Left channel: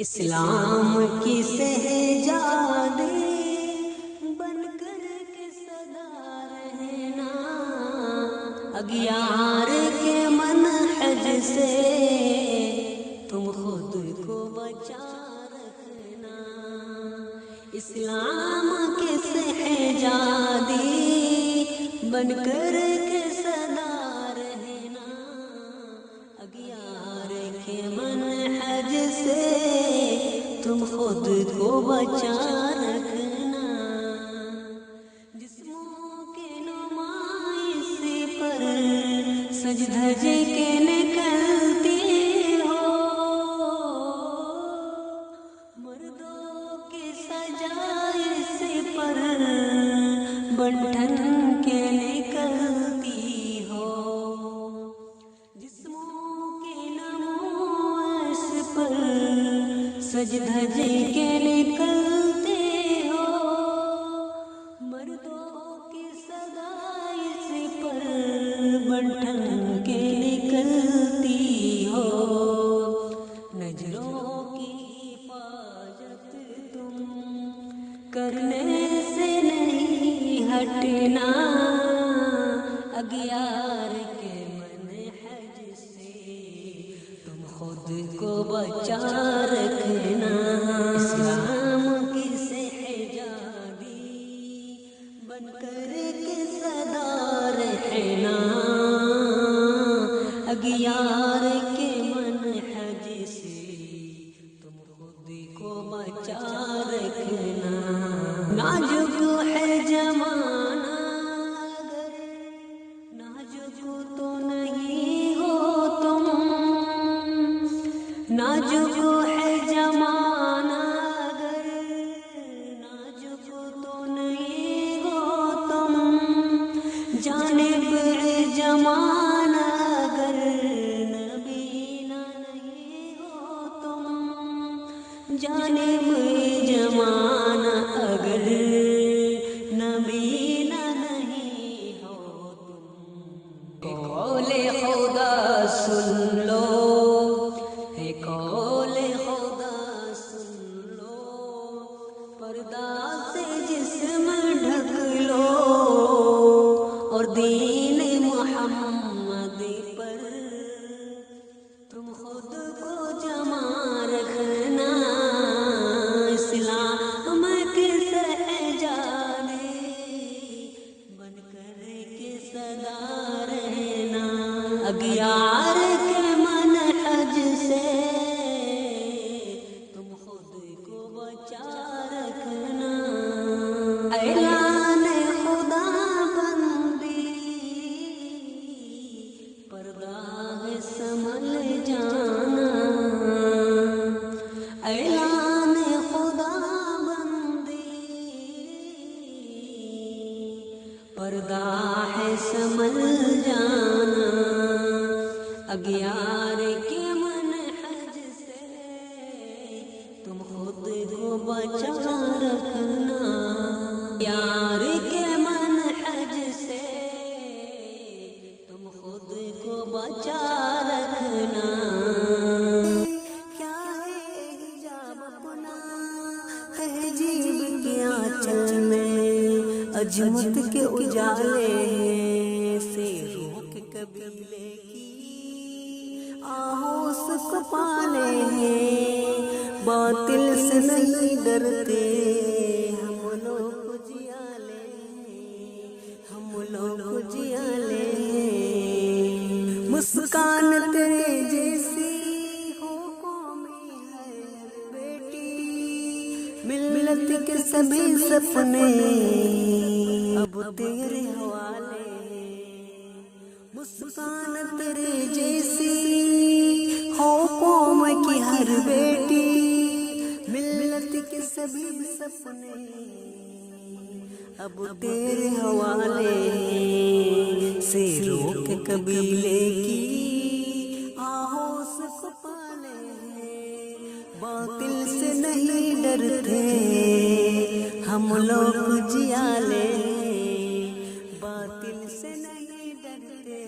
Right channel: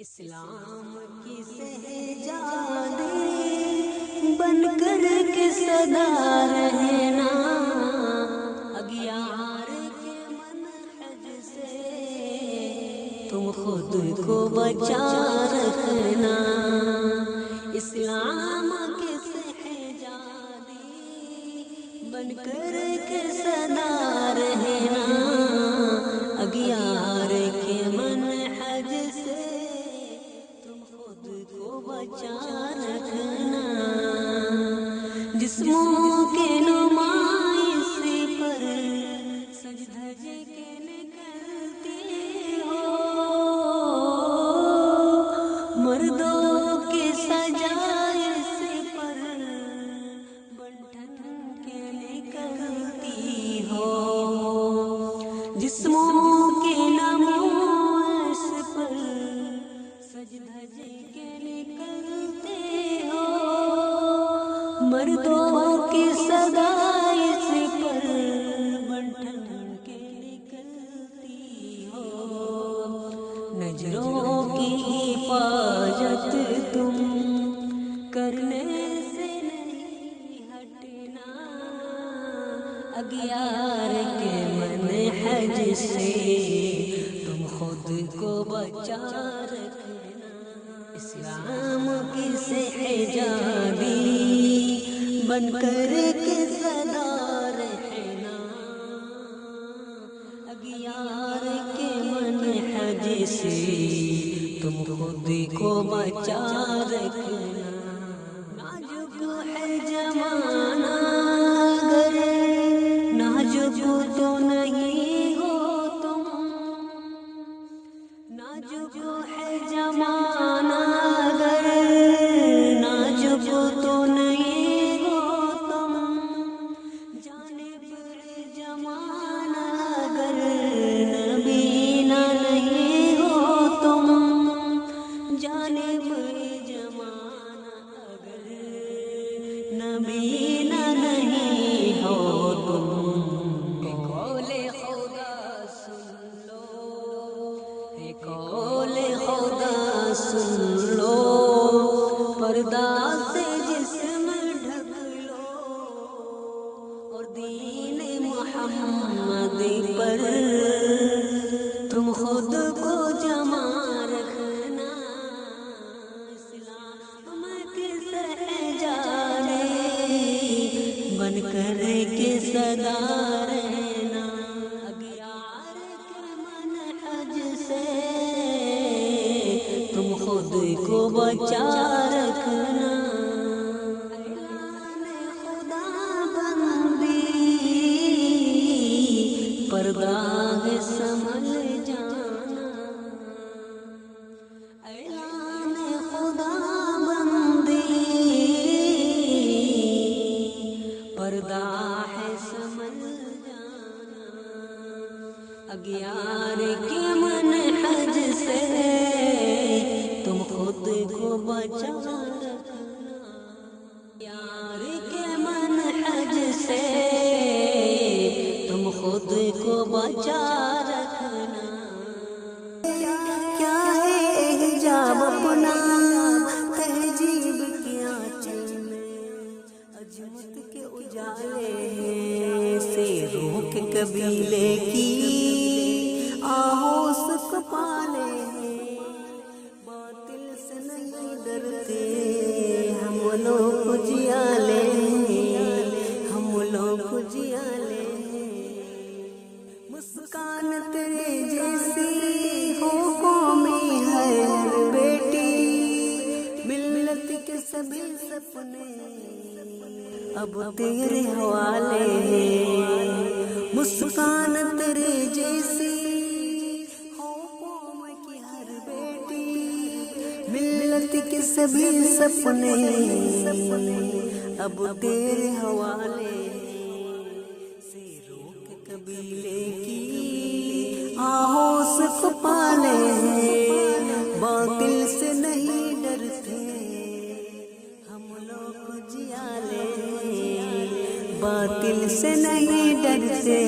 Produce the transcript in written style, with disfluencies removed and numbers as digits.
اسلام کی سہجادی بن کر کے صدا رہنا، اغیار کے منہج سے تم خود کو بچا رکھنا۔ اسلام کی سہجادی بن کر کے صدا رہنا، اغیار کے منہج سے تم خود کو بچا رکھنا۔ جسموں کے نمائش پر سج دھج کے نکلتی ہو، مردوں کی سجائش پر بنٹھن کے نکلتی ہو۔ جسموں کے نمائش پر سج دھج کے نکلتے ہو، مردوں کی سجائش پر بنٹھن کے نکلتی ہو۔ نظروں کی حفاظت تم کرنے سے نہیں ہٹنا، اغیار کے منہج سے تم خود کو بچا رکھنا۔ اسلام کی سہجادی بن کر کے صدا رہنا، اغیار کے منہج سے تم خود کو بچا رکھنا۔ نازک ہے زمانہ اگر نازک تو نہیں ہو تم، نازک ہے زمانہ اگر نازک تو نہیں ہو تم، جانب زمانہ اگر نبینا نہیں ہو تم، جانب زمانہ اگر نبینا نہیں ہو تم۔ قول خدا سن لو، قول خدا سن لو، پردہ سے جسم ڈھک لو، اور دین محمد پر تم خود کو جمع رکھنا۔ اسلام کی سہجادی بن کر کے صدا رہنا، اغیار کے منہج سے تم خود کو بچا رکھنا۔ اعلان خدا بندی پردہ ہے سنبھل جانا، اعلان خدا بندی پردہ ہے سنبھل جانا، اغیار کے منہج سے تم خود کو بچا رکھنا، اغیار کے منہج سے تم خود کو بچا رکھنا۔ کیا ہے حجاب اپنا تہذیب کے آنچل میں، عظمت کے اجالے سے روح کے قبیلے کی آہوس کو پالے ہیں، باطل سے نہیں ڈرتے ہم لوگ اجالے ہیں، ہم لوگ اجالے ہیں۔ مسکان تیرے جیسی ہو قومی ہے ہر بیٹی، ملت کے سبھی سپنے اب تیرے حوالے ہیں۔ مسکان تیرے جیسی ہو قوم کی ہر بیٹی، ملت کے سبھی سپنے اب تیرے حوالے ہیں۔ سیروں کے قبیلے کی آہوس کو پالے ہیں، باطل سے نہیں ڈرتے ہم لوگ جیالے ہیں، باطل سے نہیں ڈرتے